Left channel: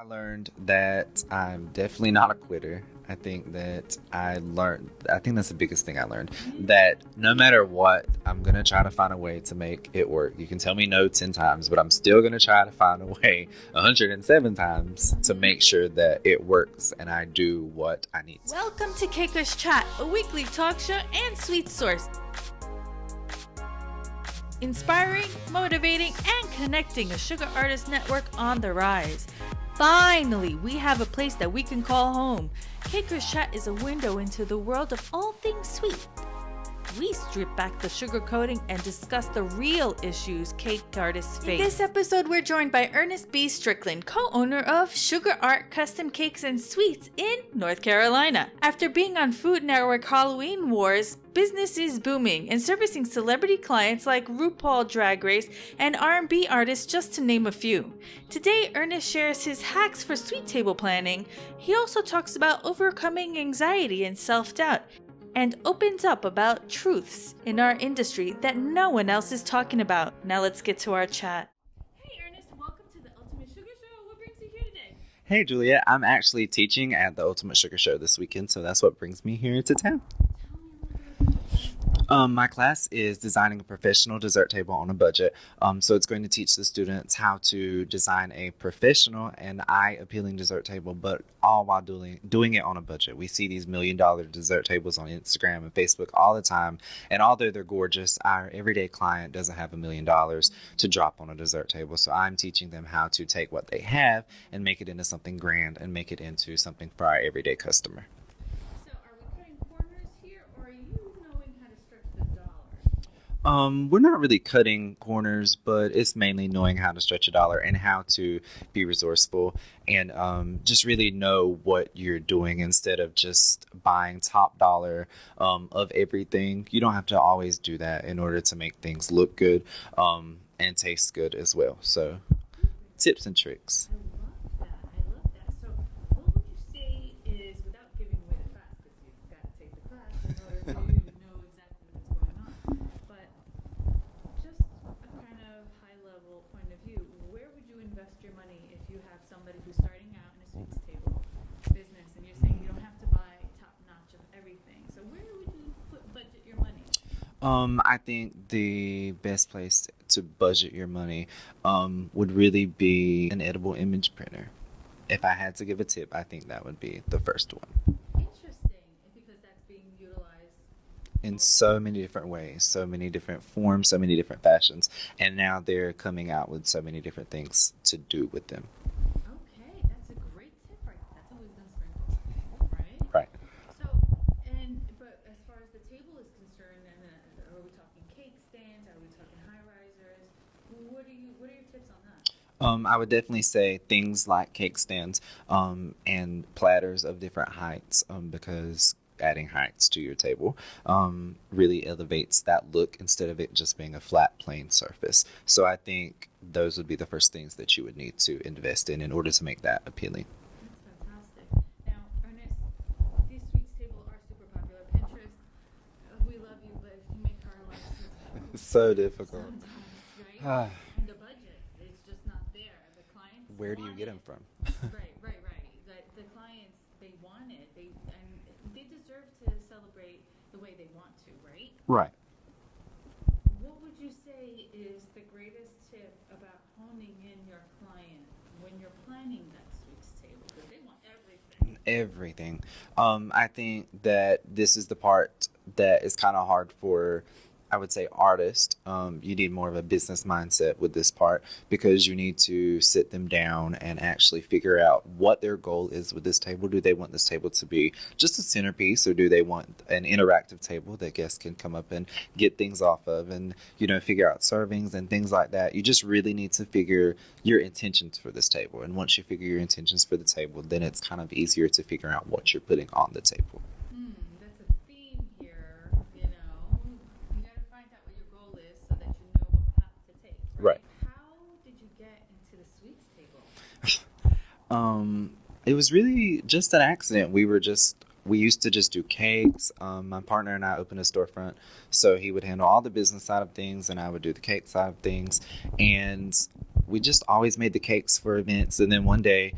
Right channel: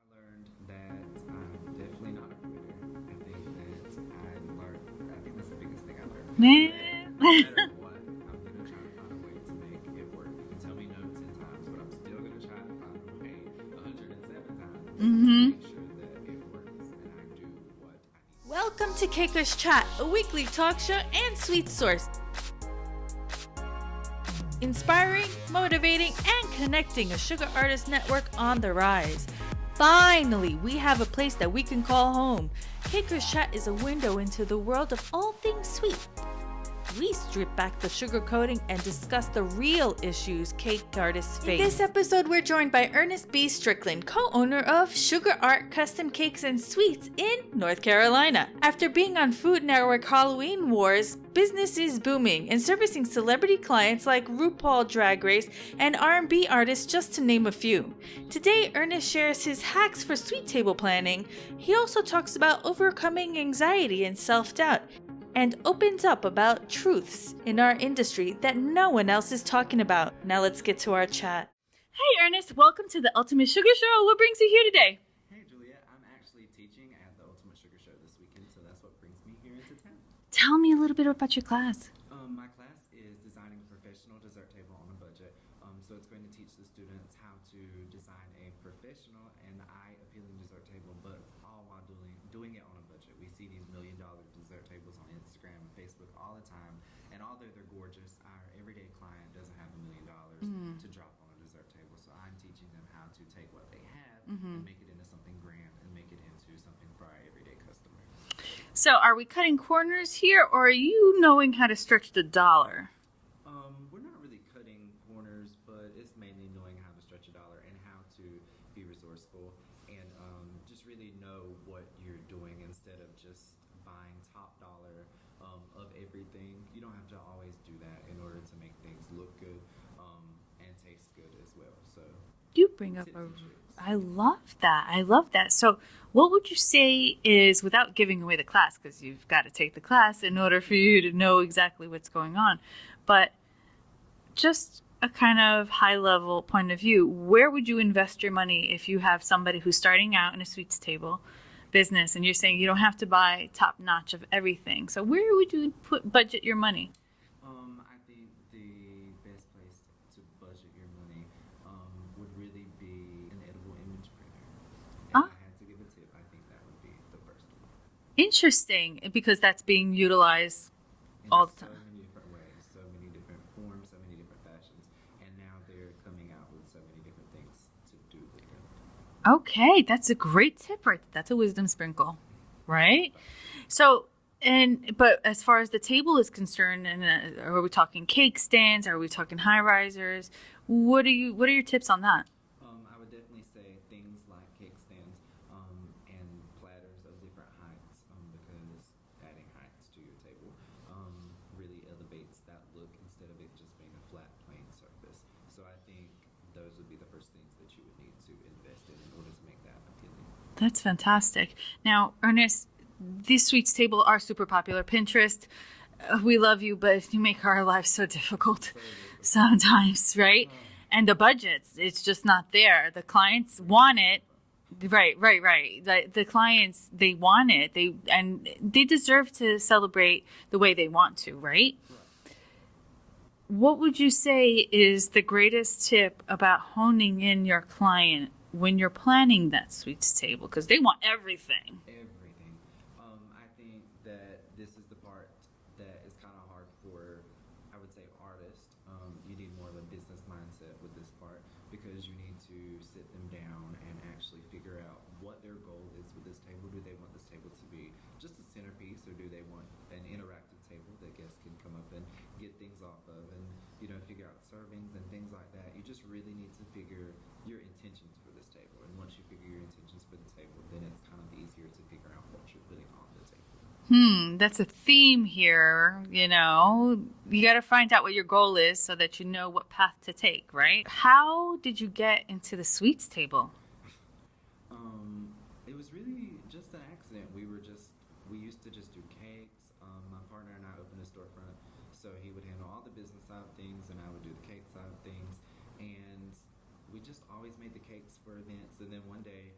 I learned that I'm definitely not a quitter. I think that's the biggest thing I learned. That no matter what, I'm going to try to find a way to make it work. You can tell me no 10 times, but I'm still going to try to find a way 107 times to make sure that it works and I do what I need to. Welcome to cakerschat, a weekly talk show and sweet source. Inspiring, motivating, and connecting a sugar artist network on the rise. Finally, we have a place that we can call home. cakerschat is a window into the world of all things sweet. We strip back the sugar coating and discuss the real issues cake artists face. In this episode, we're joined by Ernest B.Strickland, co-owner of Sugar Art Custom Cakes and Sweets in North Carolina. After being on Food Network Halloween Wars, business is booming and servicing celebrity clients like RuPaul Drag Race and R&B artists, just to name a few. Today, Ernest shares his hacks for sweet table planning. He also talks about overcoming anxiety and self-doubt, and opens up about truths in our industry that no one else is talking about. Now let's get to our chat. Hey Ernest, welcome to the Ultimate Sugar Show. What brings you here today? Hey Juliet, I'm actually teaching at the Ultimate Sugar Show this weekend, so that's what brings me here to town. Tell me a little bit about your class. My class is designing a professional dessert table on a budget. So it's going to teach the students how to design a professional and eye-appealing dessert table, but all while doing it on a budget. We see these $1 million dessert tables on Instagram and Facebook all the time, and although they're gorgeous, our everyday client doesn't have $1 million to drop on a dessert table. So I'm teaching them how to take what they have and make it into something grand and make it into something for our everyday customer. So are we cutting corners here, or are you knowing how to stretch the dollar? We're not really cutting corners, but it's mainly knowing how to stretch a dollar and how to be resourceful and just really know what you're doing instead of just buying top dollar of everything. You don't have to always do that in order to make things look good and taste good as well. So you bring up tips and tricks. I love that. So what would you say is, without giving away the class, because you've got to take the class in order for you to know exactly what's going on, but just a kind of high-level point of view, where would you invest your money if you have somebody who's starting out in a sweets table business and you're saying you don't have to buy top-notch of everything? So where would you budget your money? I think the best place to budget your money would really be an edible image printer. If I had to give a tip, I think that would be the first one. Interesting, because that's being utilized in so many different ways, so many different forms, so many different fashions. And now they're coming out with so many different things to do with them. Okay, that's a great tip, right? That's a wisdom sprinkle, right? Right. So, but as far as the table is concerned, and are we talking cake stands? Are we talking high risers? What are your tips on that? I would definitely say things like cake stands and platters of different heights because adding heights to your table really elevates that look instead of it just being a flat, plain surface. So I think those would be the first things that you would need to invest in order to make that appealing. That's fantastic. Now, Ernest, these sweets tables are super popular. Pinterest, we love you, but you make our lives so difficult. So difficult. Sometimes, right? And the budgets, it's just not there. The clients want it. Right. The clients, they want it. They deserve to celebrate the way they want to, right? Right. What would you say is the greatest tip about honing in your client when you're planning that sweets table? Because they want everything. Everything. I think that this is the part that is kind of hard for, I would say, artists. You need more of a business mindset with this part because you need to sit them down and actually figure out what their goal is with this table. Do they want this table to be just a centerpiece, or do they want an interactive table that guests can come up and get things off of and, figure out servings and things like that? You just really need to figure your intentions for this table. And once you figure your intentions for the table, then it's kind of easier to figure out what you're putting on the table. That's a theme here, You got to find out what your goal is so that you know what path to take, right? How did you get into the sweets table? It was really just an accident. We used to just do cakes. My partner and I opened a storefront, so he would handle all the business side of things and I would do the cake side of things. And we just always made the cakes for events. And then one day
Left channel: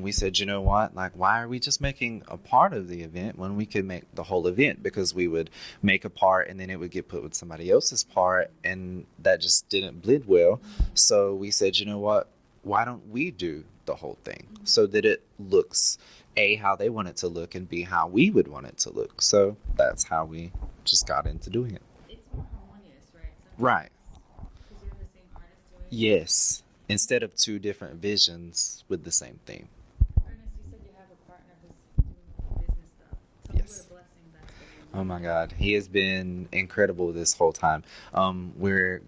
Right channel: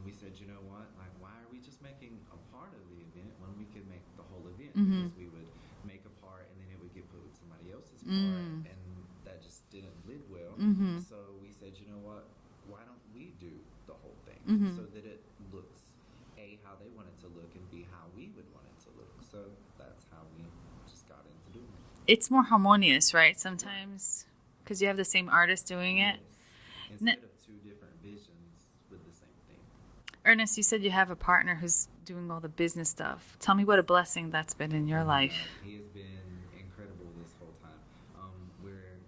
we said, you know what, like, why are we just making a part of the event when we could make the whole event? Because we would make a part and then it would get put with somebody else's part, and that just didn't blend well. So we said, you know what, why don't we do the whole thing so that it looks A, how they want it to look, and B, how we would want it to look. So that's how we just got into doing it. It's more harmonious, right? Sometimes. Because you have the same artist doing it. Yes. Instead of two different visions with the same theme. Ernest, you said you have a partner who's doing all the business stuff. Tell me what a blessing that's been in your life. Oh my God, he has been incredible this whole time. We're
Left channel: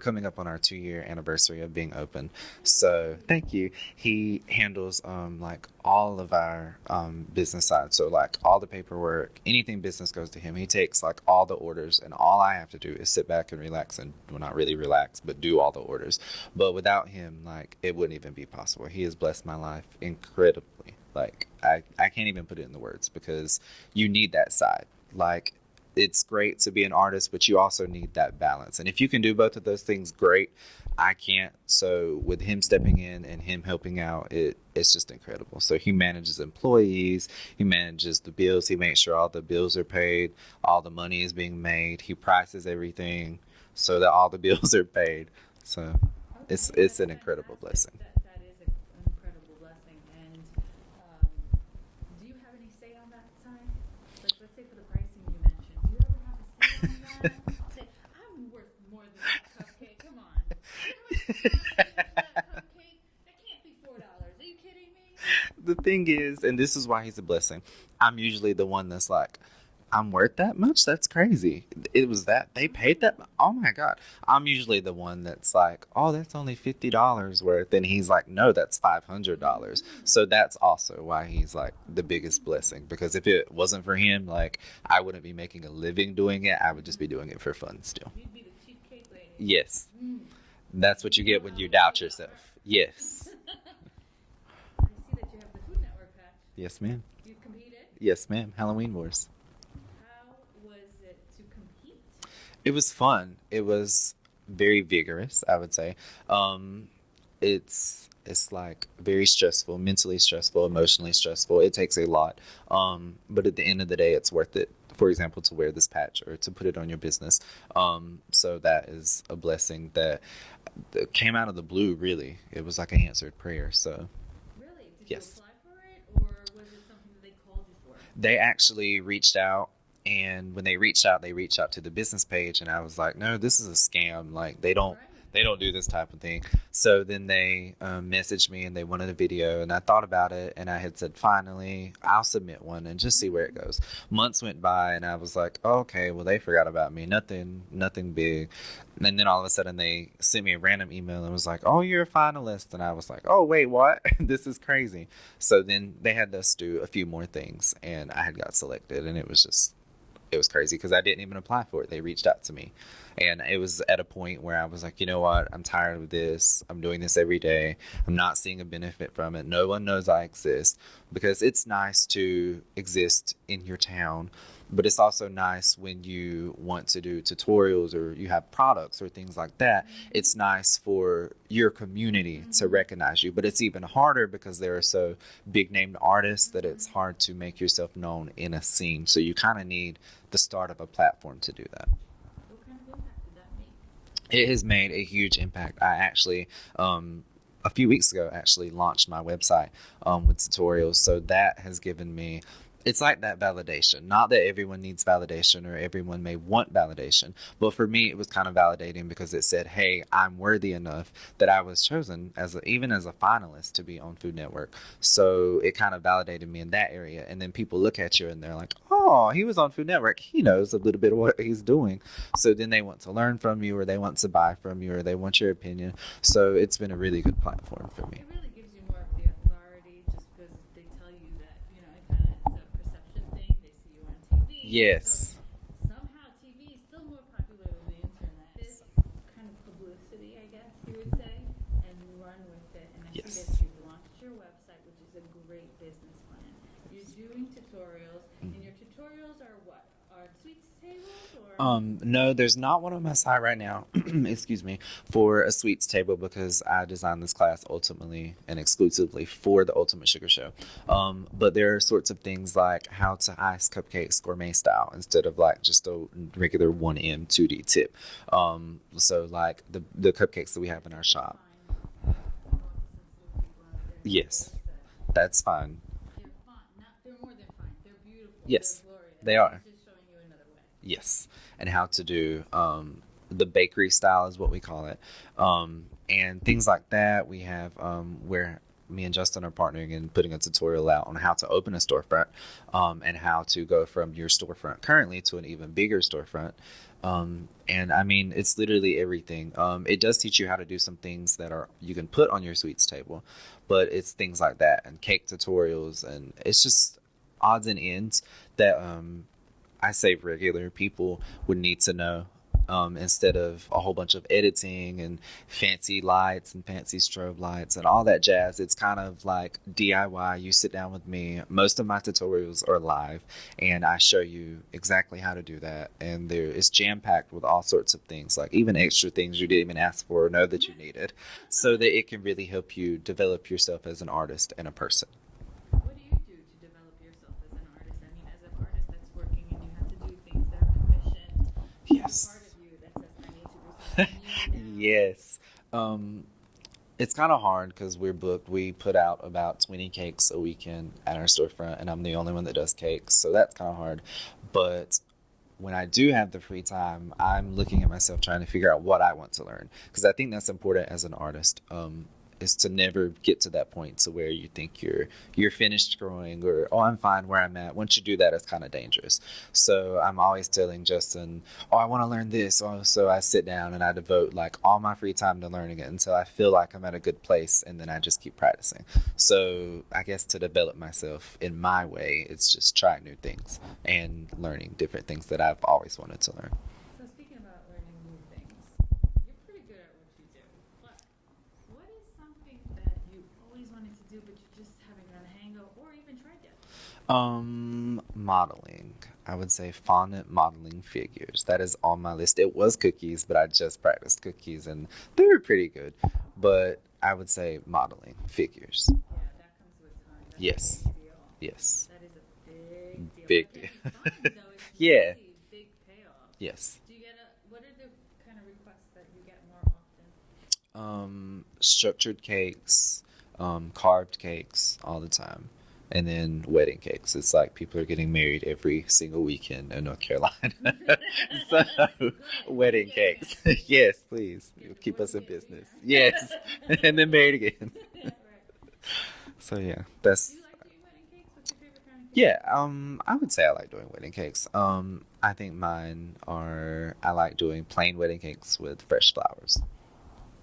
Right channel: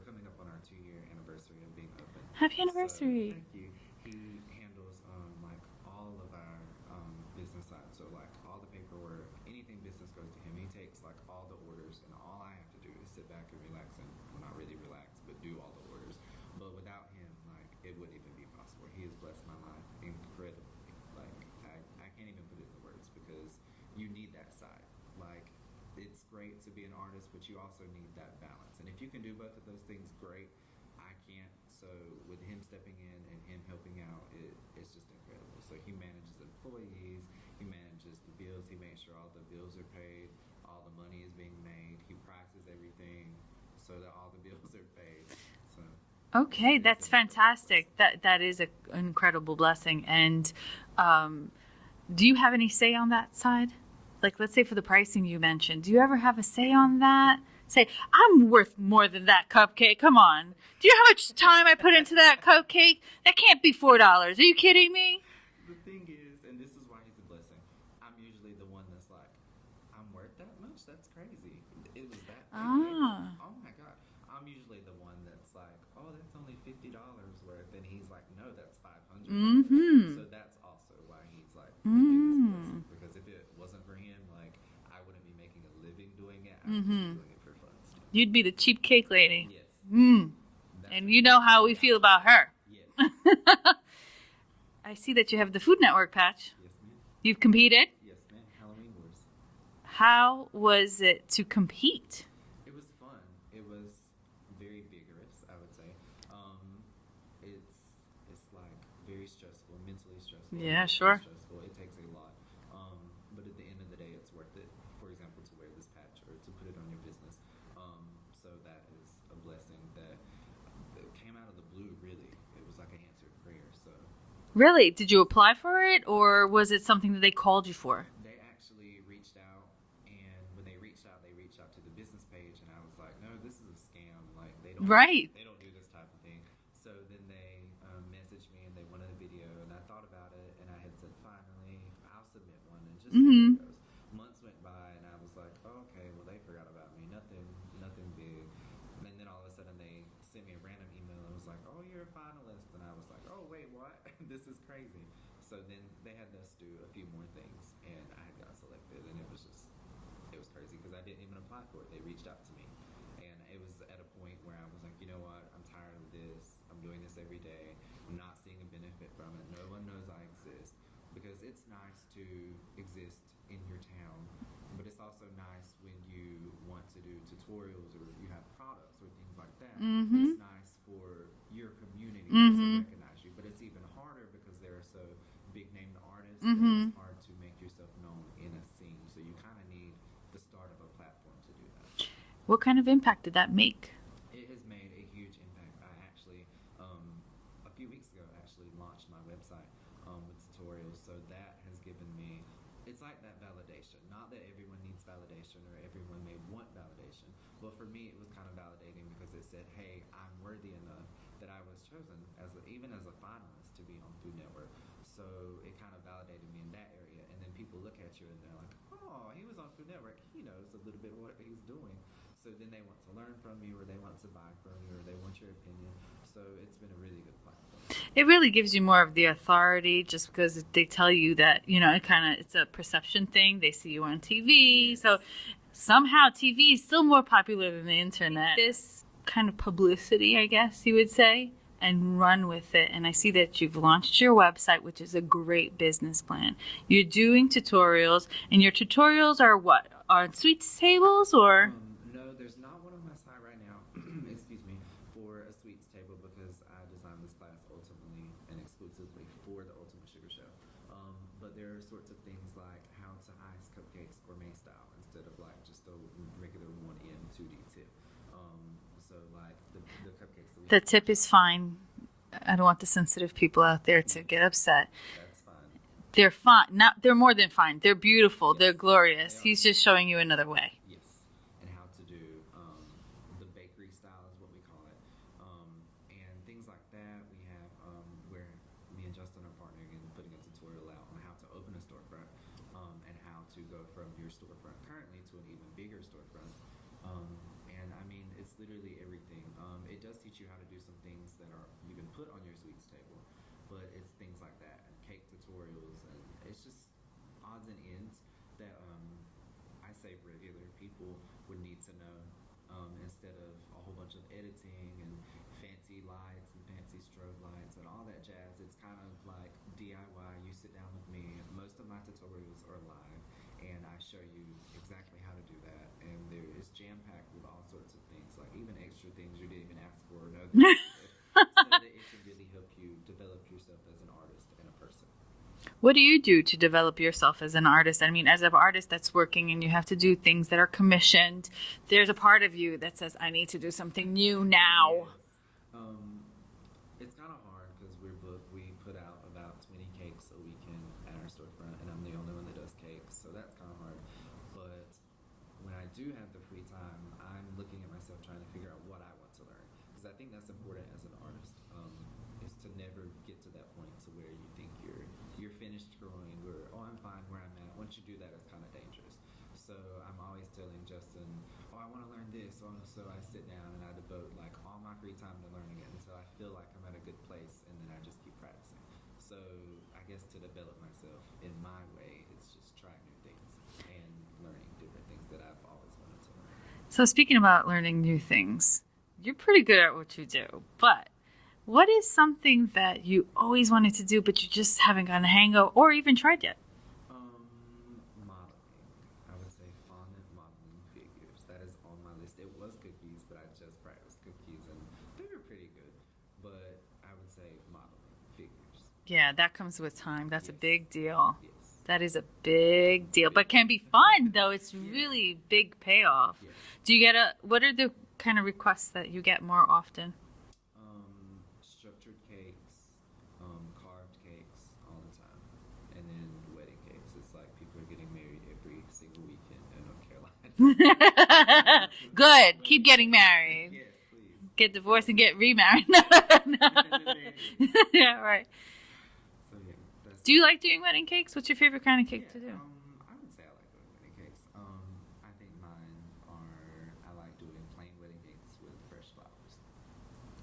coming up on our 2-year anniversary of being open. Happy anniversary! So thank you. He handles like all of our business side. So like all the paperwork, anything business goes to him. He takes like all the orders, and all I have to do is sit back and relax, and well, not really relax, but do all the orders. But without him, like, it wouldn't even be possible. He has blessed my life incredibly. Like, I can't even put it in the words, because you need that side. Like, it's great to be an artist, but you also need that balance. And if you can do both of those things, great. I can't. So with him stepping in and him helping out, it's just incredible. So he manages employees, he manages the bills, he makes sure all the bills are paid, all the money is being made, he prices everything so that all the bills are paid. So okay, it's that's fantastic. That is an incredible blessing. And do you have any say on that side? Like, let's say for the pricing you mentioned, do you ever have a say on that? Say, I'm worth more than that cupcake. Come on. Do you know how much time I put into that cupcake? That can't be $4. Are you kidding me? The thing is, and this is why he's a blessing, I'm usually the one that's like, I'm worth that much? That's crazy. It was that. They paid that. Oh, my God. I'm usually the one that's like, oh, that's only $50 worth. And he's like, no, that's $500. So that's also why he's like the biggest blessing. Because if it wasn't for him, like, I wouldn't be making a living doing it. I would just be doing it for fun still. You'd be the cheap cake lady. Yes. That's and what you know how we feel about her. Yes. I see that you have the Food Network patch. Yes, ma'am. You've competed? Yes, ma'am. Halloween Wars. How was it to compete? It was fun. It was very vigorous, I would say. It's like very stressful, mentally stressful, emotionally stressful. It takes a lot. But at the end of the day, it's worth it. For example, to wear this patch or to put it on your business. So that is a blessing that came out of the blue, really. It was like an answered prayer. So. Really? Did you apply for it, or was it something that they called you for? They actually reached out. And when they reached out to the business page, and I was like, no, this is a scam. Like, they don't do this type of thing. So then they messaged me and they wanted a video, and I thought about it, and I had said, finally, I'll submit one and just see where it goes. Months went by, and I was like, oh, okay, well, they forgot about me. Nothing big. And then all of a sudden they sent me a random email and was like, oh, you're a finalist. And I was like, oh, wait, what? This is crazy. So then they had us do a few more things, and I had got selected, and it was crazy because I didn't even apply for it. They reached out to me, and it was at a point where I was like, you know what? I'm tired of this. I'm doing this every day. I'm not seeing a benefit from it. No one knows I exist, because it's nice to exist in your town, but it's also nice when you want to do tutorials or you have products or things like that. It's nice for your community to recognize you, but it's even harder because there are so big named artists that it's hard to make yourself known in a scene. So you kind of need the start of a platform to do that. What kind of impact did that make? It has made a huge impact. I actually, a few weeks ago, launched my website with tutorials. So that has given me, it's like that validation. Not that everyone needs validation or everyone may want validation, but for me, it was kind of validating because it said, hey, I'm worthy enough that I was chosen even as a finalist to be on Food Network. So it kind of validated me in that area. And then people look at you and they're like, oh, he was on Food Network. He knows a little bit of what he's doing. So then they want to learn from you, or they want to buy from you, or they want your opinion. So it's been a really good platform for me. It really gives you more of the authority, just because they tell you that, it's a perception thing. They see you on TV. Yes. So somehow TV is still more popular than the internet. This kind of publicity, I guess you would say, and run with it. And I see that you've launched your website, which is a great business plan. You're doing tutorials, and your tutorials are what? on sweets tables or? No, there's not one on my side right now. Excuse me, for a sweets table because I designed this class ultimately and exclusively for the Ultimate Sugar Show. But there are sorts of things like how to ice cupcakes gourmet style instead of like just a regular 1M 2D tip. So like the cupcakes that we have. The tip is fine. I don't want the sensitive people out there to get upset. That's fine. They're fine. They're more than fine. They're beautiful. Yes, they're glorious. they are. He's just showing you another way. Yes. And how to do the bakery style is what we call it. And things like that. We have where me and Justin are partnering and putting a tutorial out on how to open a storefront and how to go from your storefront currently to an even bigger storefront. And I mean, it's literally everything. It does teach you how to do some things that you can put on your sweets table, but it's things like that and cake tutorials, and it's just odds and ends that I say regular people would need to know instead of a whole bunch of editing and fancy lights and fancy strobe lights and all that jazz. It's kind of like DIY. You sit down with me. Most of my tutorials are live, and I show you exactly how to do that. And it's jam-packed with all sorts of things, like even extra things you didn't even ask for or know that you needed, so that it can really help you develop yourself as an artist and a person. What do you do to develop yourself as an artist? I mean, as an artist that's working and you have to do things that are commissioned, there's a part of you that says, I need to do something new now. Yes. It's kind of hard because we're booked. We put out about 20 cakes a weekend at our storefront, and I'm the only one that does cakes, so that's kind of hard. But when I do have the free time, I'm looking at myself trying to figure out what I want to learn, because I think that's important as an artist. Is to never get to that point to where you think you're finished growing or I'm fine where I'm at. Once you do that, it's kind of dangerous. So I'm always telling Justin, I want to learn this. So I sit down and I devote like all my free time to learning it until I feel like I'm at a good place, and then I just keep practicing. So I guess to develop myself in my way, it's just trying new things and learning different things that I've always wanted to learn. So speaking about learning new things, you're pretty good at what you do, but what is something that you always wanted to do but you just haven't gotten a hang of or even tried yet? Modeling. I would say fondant modeling figures. That is on my list. It was cookies, but I just practiced cookies and they were pretty good. But I would say modeling figures. Yeah, that comes with time. That's Yes. a big deal. Yes. That is a big deal. Big. But can be fun, though. It's really big payoff. Yes. Do you what are the kind of requests that you get more often? Structured cakes, carved cakes all the time, and then wedding cakes. It's like people are getting married every single weekend in North Carolina. So, Good. wedding Keep getting cakes. married. Yes, please. Get Keep divorced us and in get business. remarried. Yes, and then married again. Yeah, right. So yeah, that's. Do you like doing wedding cakes? What's your favorite kind of cake? Yeah, I would say I like doing wedding cakes. I think I like doing plain wedding cakes with fresh flowers.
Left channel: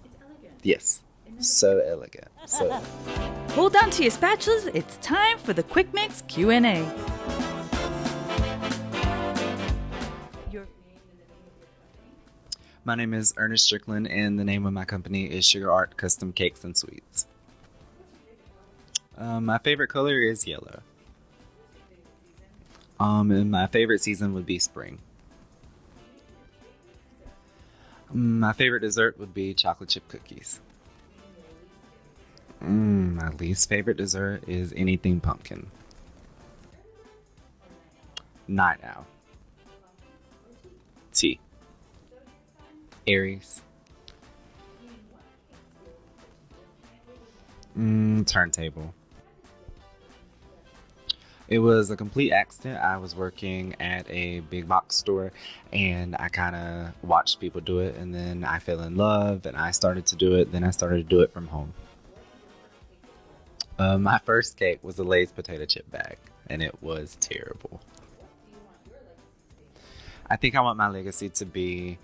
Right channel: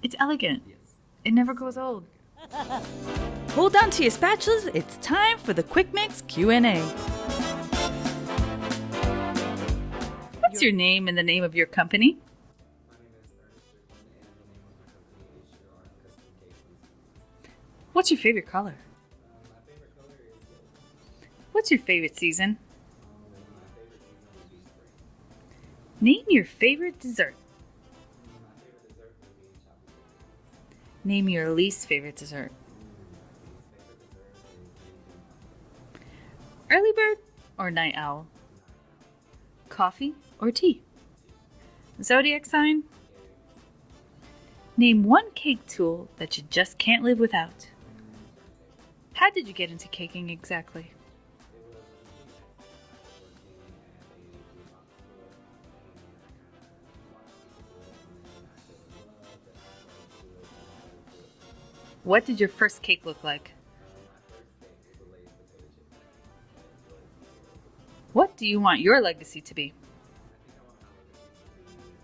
It's elegant. Yes. It never So goes old. elegant. So Hold on to your spatulas. It's time for the Quick Mix Q&A. What's your name and the name of your company? my name is Ernest Strickland, and the name of my company is Sugar Art Custom Cakes and Sweets. What's your favorite color? My favorite color is yellow. What's your favorite season? And my favorite season would be spring. Name your favorite dessert. My favorite dessert would be chocolate chip cookies. Name your least favorite dessert. My least favorite dessert is anything pumpkin. Early bird or night owl? Night owl. Coffee or tea? Tea. Zodiac sign? Aries. Name one cake tool that you just can't live without. Turntable. How did you get into caking exactly? It was a complete accident. I was working at a big box store and I kind of watched people do it, and then I fell in love and I started to do it. Then I started to do it from home. What did your first cake look like? My first cake was a Lay's potato chip bag, and it was terrible. What do you want your legacy to be? I think I want my legacy to be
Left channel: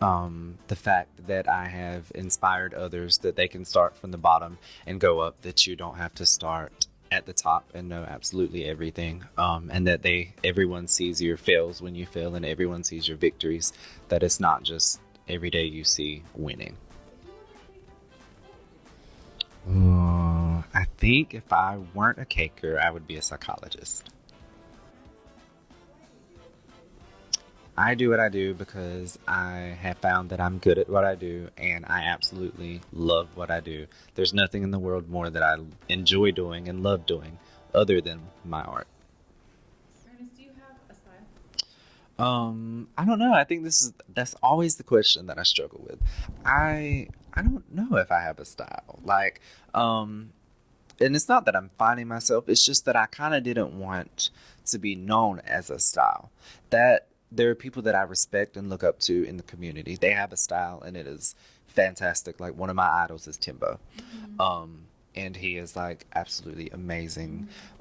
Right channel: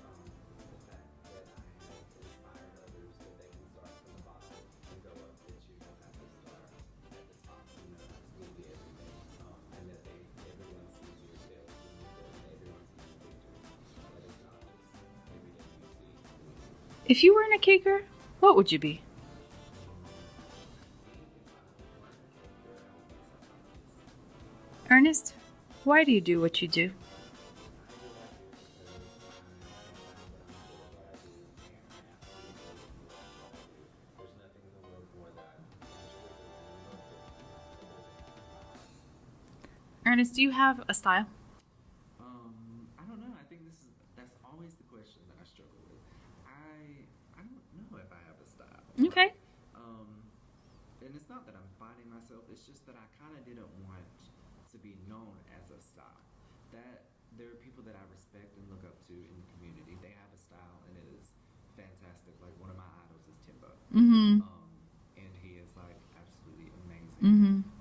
the fact that I have inspired others, that they can start from the bottom and go up, that you don't have to start at the top and know absolutely everything, and that everyone sees your fails when you fail and everyone sees your victories, that it's not just every day you see winning. If you weren't a caker, what would you be? I think if I weren't a caker, I would be a psychologist. Ernest, Why do you do what you do? I do what I do because I have found that I'm good at what I do, and I absolutely love what I do. There's nothing in the world more that I enjoy doing and love doing other than my art. Ernest, do you have a style? I don't know. I think that's always the question that I struggle with. I don't know if I have a style. Okay. Like, and it's not that I'm finding myself. It's just that I kind of didn't want to be known as a style. That there are people that I respect and look up to in the community. They have a style, and it is fantastic. Like, one of my idols is Timbo. Mm-hmm. And he is like absolutely amazing.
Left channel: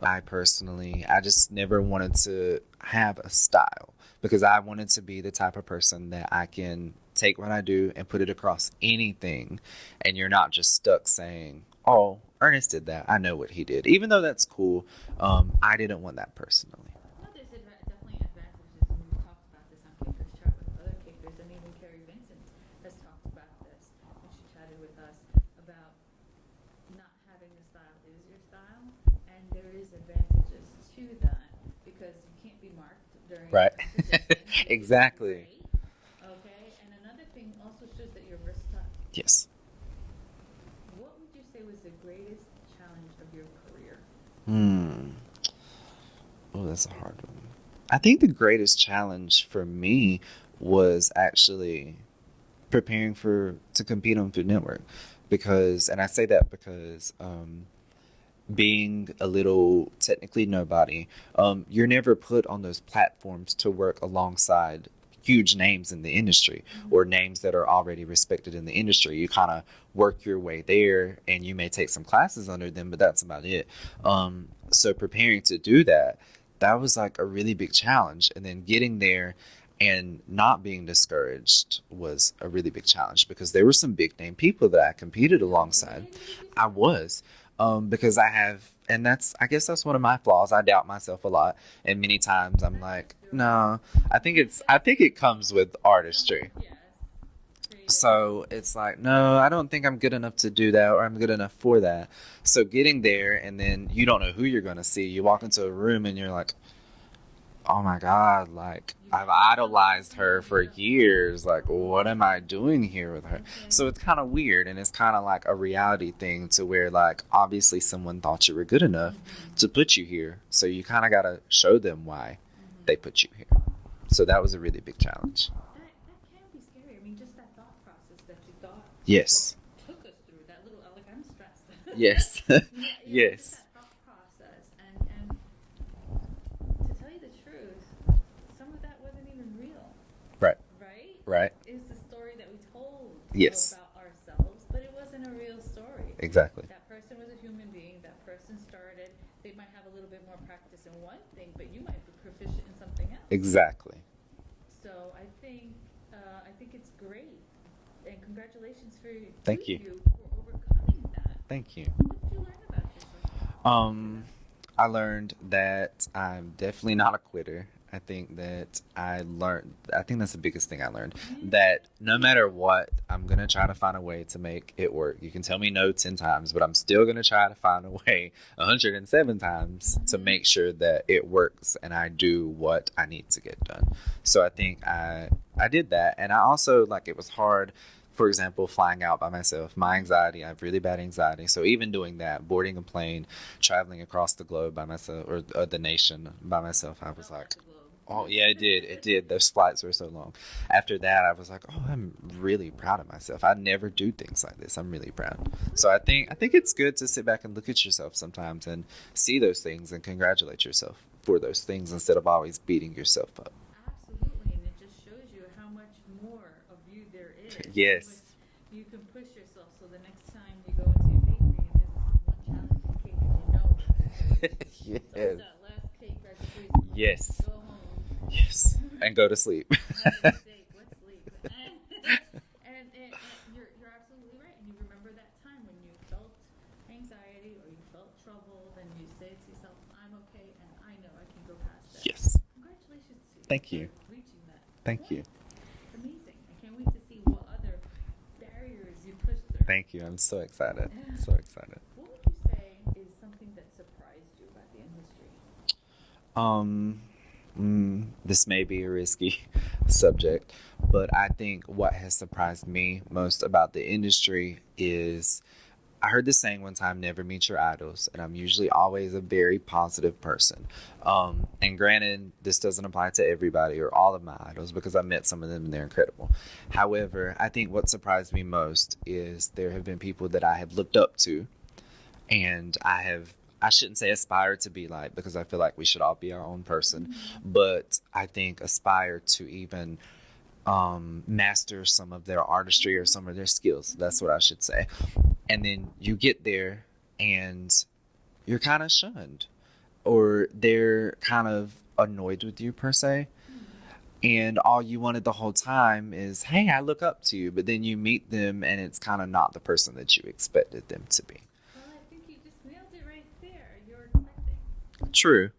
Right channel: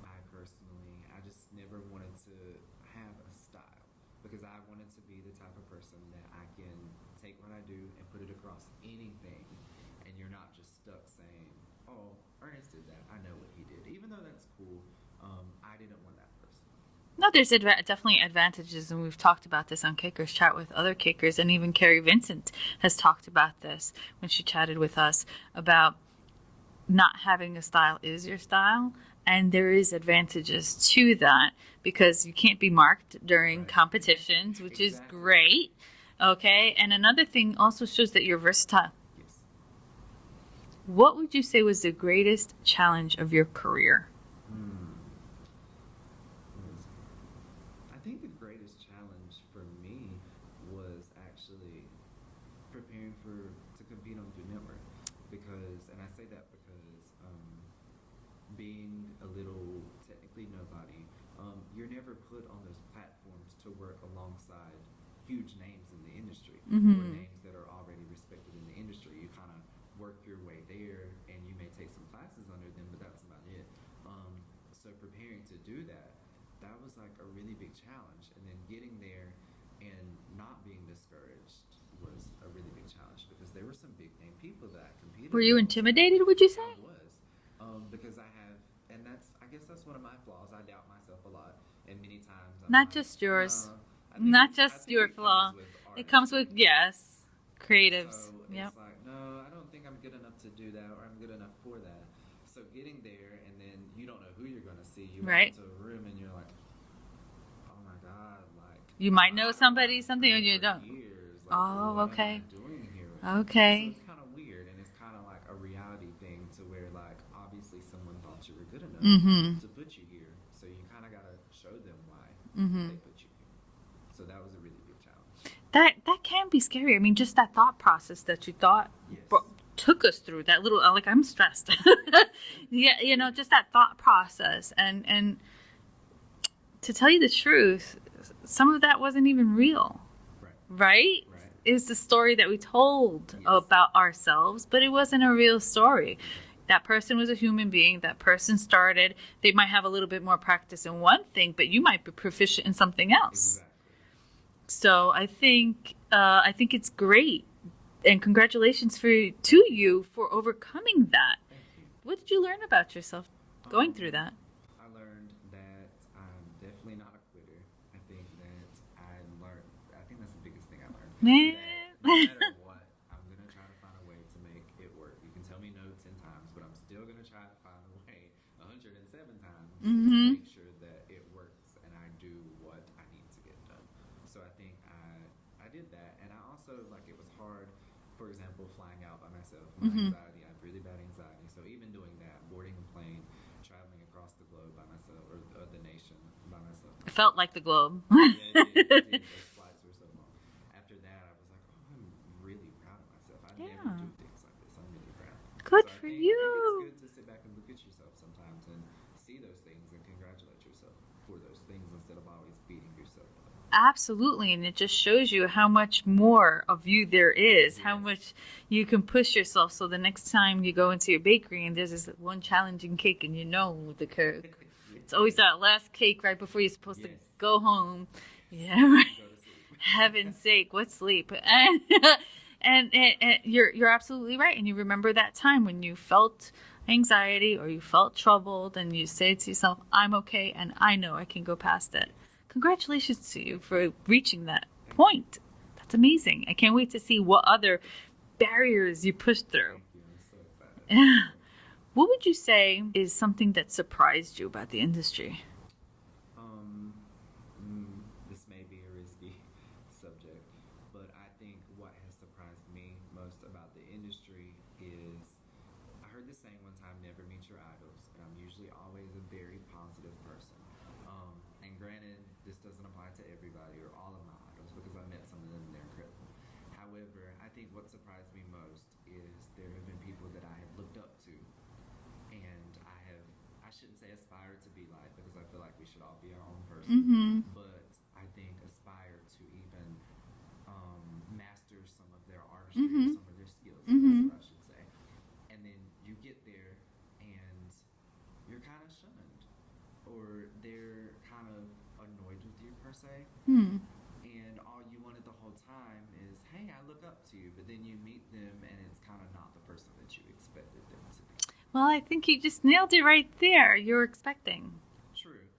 Mm-hmm. I just never wanted to have a style because I wanted to be the type of person that I can take what I do and put it across anything, and you're not just stuck saying, oh, Ernest did that, I know what he did. Even though that's cool, I didn't want that personally. No, there's definitely advantages, and we've talked about this on cakerschat with other cakers, and even Carrie Vincent has talked about this when she chatted with us about not having a style is your style, and there is advantages to that because you can't be marked during competitions, which exactly. is great. Okay, and another thing also shows that you're versatile. Yes. What would you say was the greatest challenge of your career? Oh, that's a hard one. I think the greatest challenge for me was actually preparing to compete on Food Network. And I say that because being a little technically nobody, you're never put on those platforms to work alongside huge names in the industry or names that are already respected in the industry. You kind of work your way there, and you may take some classes under them, but that's about it. So preparing to do that was like a really big challenge. And then getting there and not being discouraged was a really big challenge because there were some big name people that I competed alongside. Were you intimidated, would you say? I was, because I guess that's one of my flaws. I doubt myself a lot, and many times I'm not just yours. No, I think it comes with artistry. Yes, creative. So it's like, no, I don't think I'm good enough to do that, or I'm good enough for that. So getting there, and then you don't know who you're going to see. You walk into a room, and you're like, oh my God, like, you might know idolized somebody her for years. Like, what am I doing here with her? Okay. So it's kind of weird, and it's kind of like a reality thing to where, like, obviously someone thought you were good enough to put you here. So you kind of got to show them why they put you here. So that was a really big challenge. That can be scary. I mean, just that thought process that you thought took us through that little, like, I'm stressed. Yes. Yeah, you know, just that thought process. And to tell you the truth, some of that wasn't even real. Right? It's the story that we told about ourselves, but it wasn't a real story. Exactly. That person was a human being. That person started. They might have a little bit more practice in one thing, but you might be proficient in something else. Exactly. So I think it's great, and congratulations to you for overcoming that. Thank you. What did you learn about yourself going through that? I learned that I'm definitely not a quitter. I think that's the biggest thing I learned. That no matter what, I'm going to try to find a way to make it work. You can tell me no 10 times, but I'm still going to try to find a way 107 times to make sure that it works and I do what I need to get done. So I think I did that. And I also, like, it was hard. For example, flying out by myself, my anxiety, I have really bad anxiety. So even doing that, boarding a plane, traveling across the globe by myself, or the nation by myself. I felt like the globe. Oh, yeah, it did. It did. Those flights were so long. After that, I was like, oh, I'm really proud of myself. I never do things like this. I'm really proud. Good I think it's good to sit back and look at yourself sometimes and see those things and congratulate yourself for those things instead of always beating yourself up. Absolutely, and it just shows you how much more of you there is, yes. How much you can push yourself, so the next time you go into your bakery and there's this one challenging cake and you know the curve. Yes. It's always that last cake right before you're supposed to go home. Yes. Yeah, right? And go to sleep. Heaven's sake, what sleep? And you're absolutely right, and you remember that time when you felt anxiety or you felt troubled and you say to yourself, I'm okay and I know I can go past it. Yes. Congratulations to you for reaching that point. You. That's amazing. I can't wait to see what other barriers you pushed through. Thank you. I'm so excited. What would you say is something that surprised you about the industry? this may be a risky subject, but I think what has surprised me most about the industry is I heard this saying one time, never meet your idols, and I'm usually always a very positive person. And granted, this doesn't apply to everybody or all of my idols because I met some of them and they're incredible. However, I think what surprised me most is there have been people that I have looked up to and I shouldn't say aspire to be like, because I feel like we should all be our own person, but I think aspire to even master some of their artistry or some of their skills. That's what I should say. And then you get there and you're kind of shunned or they're kind of annoyed with you per se. And all you wanted the whole time is, hey, I look up to you. But then you meet them and it's kind of not the person that you expected them to be. Well, I think you just nailed it right there. You're expecting. True.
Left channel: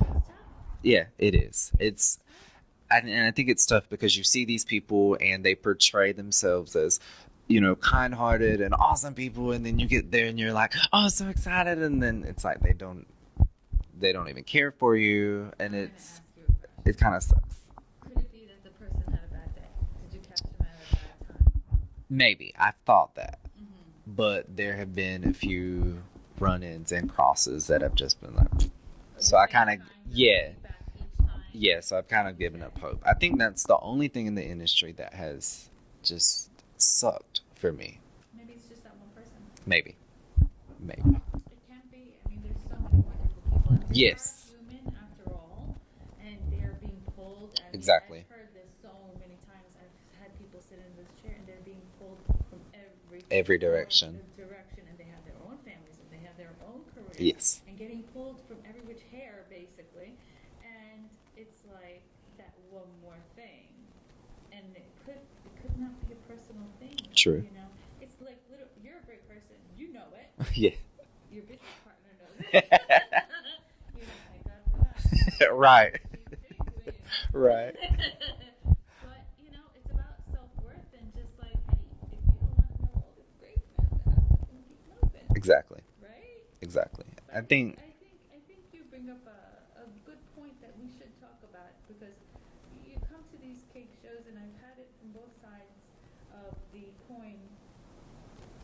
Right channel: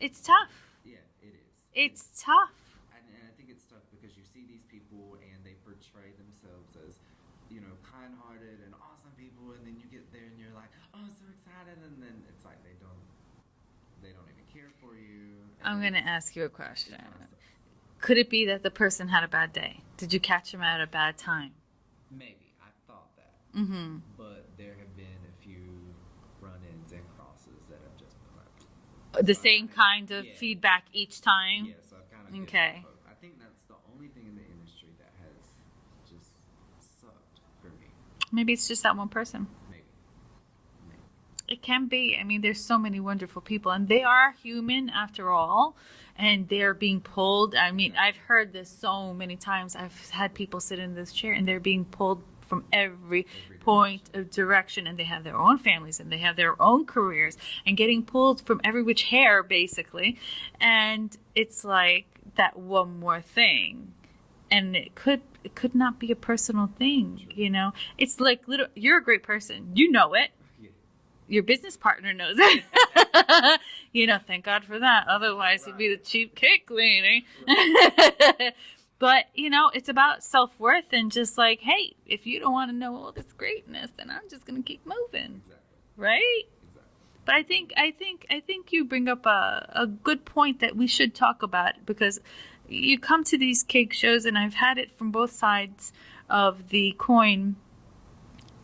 It's tough. Yeah, it is. It's tough. And I think it's tough because you see these people and they portray themselves as, you know, kind-hearted and awesome people, and then you get there and you're like, oh, so excited, and then it's like they don't even care for you. And I'm going to ask you a question. It kind of sucks. Could it be that the person had a bad day? Did you catch him at a bad time? Maybe. I've thought that. But there have been a few run-ins and crosses that have just been like... The same kind of feedback each time? Yeah, so I've kind of given up hope. I think that's the only thing in the industry that has just sucked for me. Maybe it's just that one person. Maybe. It can be. I mean, there's so many wonderful people, and they are human after all, and they're being pulled. I mean, I've heard this so many times. I've had people sit in this chair, and they're being pulled from every point of direction, and they have their own families, and they have their own careers, and getting pulled from every which hair, basically. And it's like that one more thing. And it could not be a personal thing. True. You know, it's like you're a great person. You know it. Yeah. Your business partner knows it. You know, thank God for that. Otherwise, it'd be the cheap cake cleaning. Right. But, you know, it's about self-worth and just like, hey, if you don't want to know all this greatness, then I'm just going to keep moving. Exactly. Right? Exactly. But I think you bring up a good point that we should talk about, because you come to these cake shows, and I've had it from both sides of the coin.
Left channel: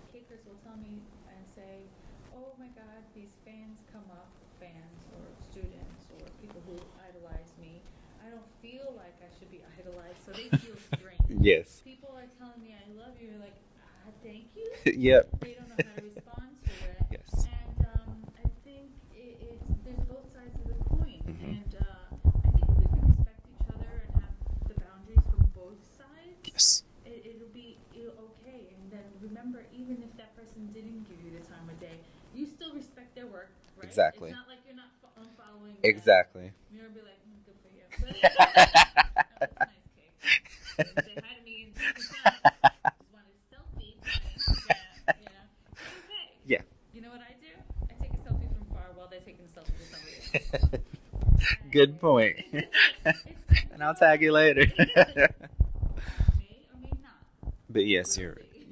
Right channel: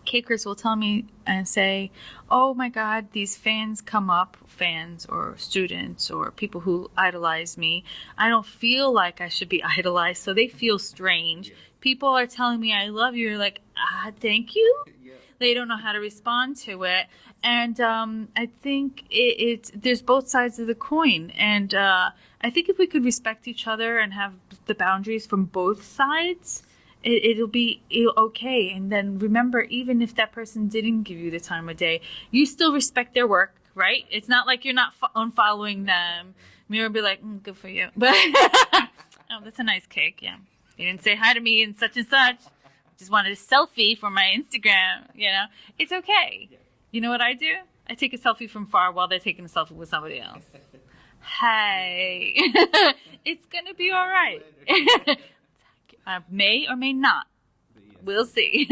Cakers will tell me and say, oh my God, these fans come up, fans or students or people who idolize me. I don't feel like I should be idolized, so they feel strange. Yes. People are telling me I love you. You're like, thank you. Yep. They don't know how to respond to it. Yes. And I think there's both sides of the coin. And I think if we could respect each other and have the boundaries from both sides, it'll be okay. And then remember, even if that person didn't give you the time of day, you still respect their work, right? Exactly. It's not like you're not unfollowing them. Exactly. Me would be like, good for you. But oh, that's a nice cake. Yeah. You didn't say hi to me and such and such. Just wanted a selfie for my Instagram. You know, it's okay. Yeah. You know what I do? I take a selfie from far while they're taking a selfie with somebody else. Hey. Good point. It's gonna be all right. I'll tag you later. May or may not. But yes, we'll see.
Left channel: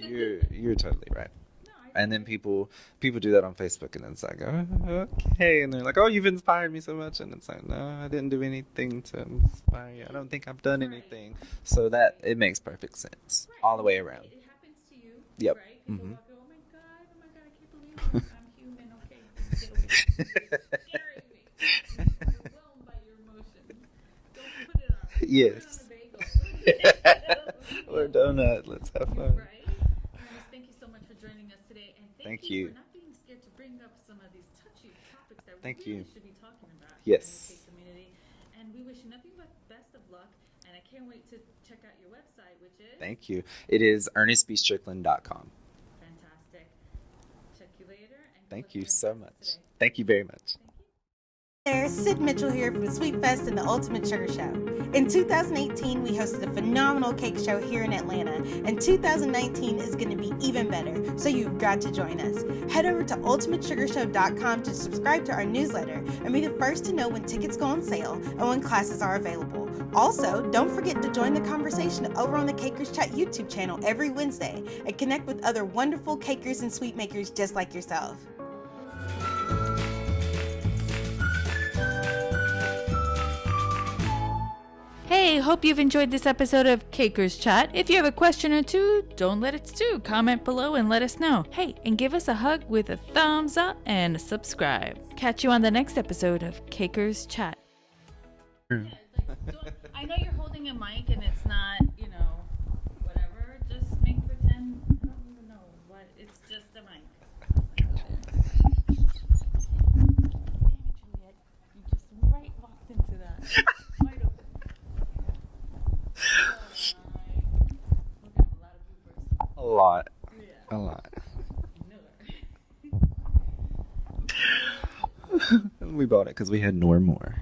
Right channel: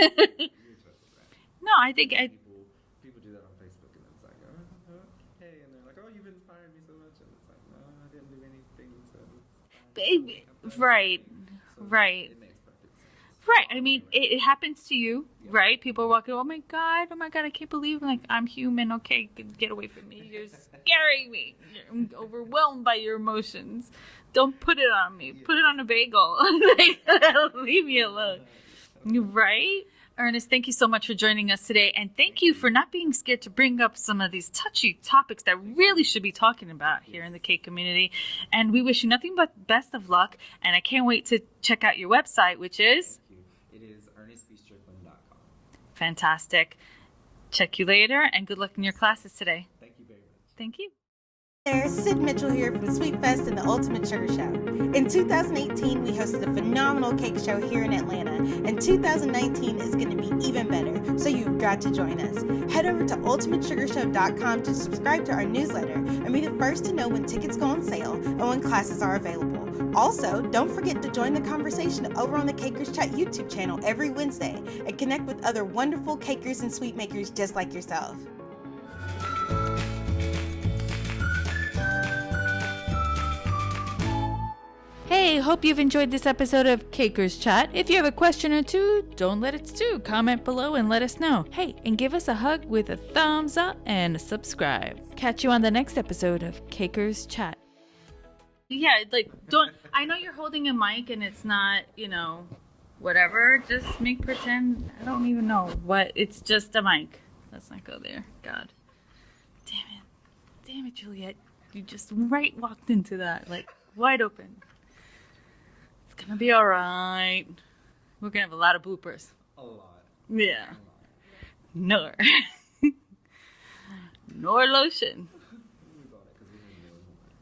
you're totally right. No, I think. And then people do that on Facebook, and then it's like, oh, okay, and they're like, oh, you've inspired me so much, and it's like, no, I didn't do anything to inspire you. I don't think I've done anything. So that it makes perfect sense. Right. All the way around. It happens to you, right? People are walking, oh my God, I can't believe I'm human. Okay, get away from me. You're scaring me. I'm overwhelmed by your emotions. Don't put it on me. Yes. Put it on a bagel. Leave me alone. Let's have fun. Right? Ernest, thank you so much for joining us today. And thank you for not being scared to bring up some of these touchy topics that really should be talking about here in the cake community. And we wish you nothing but best of luck. And I can't wait to check out your website, which is... Thank you. It is ernestbstrickland.com. Fantastic. Check you later, and good luck in your classes today. Thank you very much. Thank you. There, Sid Mitchell here from Sweet Fest and the Ultimate Sugar Show. In 2018, we hosted a phenomenal cake show here in Atlanta, and 2019 is going to be even better, so you've got to join us. Head over to ultimatesugarshow.com to subscribe to our newsletter and be the first to know when tickets go on sale and when classes are available. Also, don't forget to join the conversation over on the cakerschat YouTube channel every Wednesday and connect with other wonderful cakers and sweet makers just like yourself. Hey, hope you've enjoyed this episode of Caker's Chat. If you have a question or two, don't let it stew. Comment below and let us know. Hey, and give us a hug with a thumbs up and subscribe. Catch you on the next episode of Caker's Chat. Yeah, like, I know you're holding a mic and it's not, whatever. Just make pretend, I don't even know what, it's just a mic. Let's not go there. God. Damn it, Juliet. You just walked into that, like, wide open. It's gonna be alright. We're gonna have a lot of bloopers. A lot. Yeah. A lot. Nor lotion. We bought it because we had Nor more.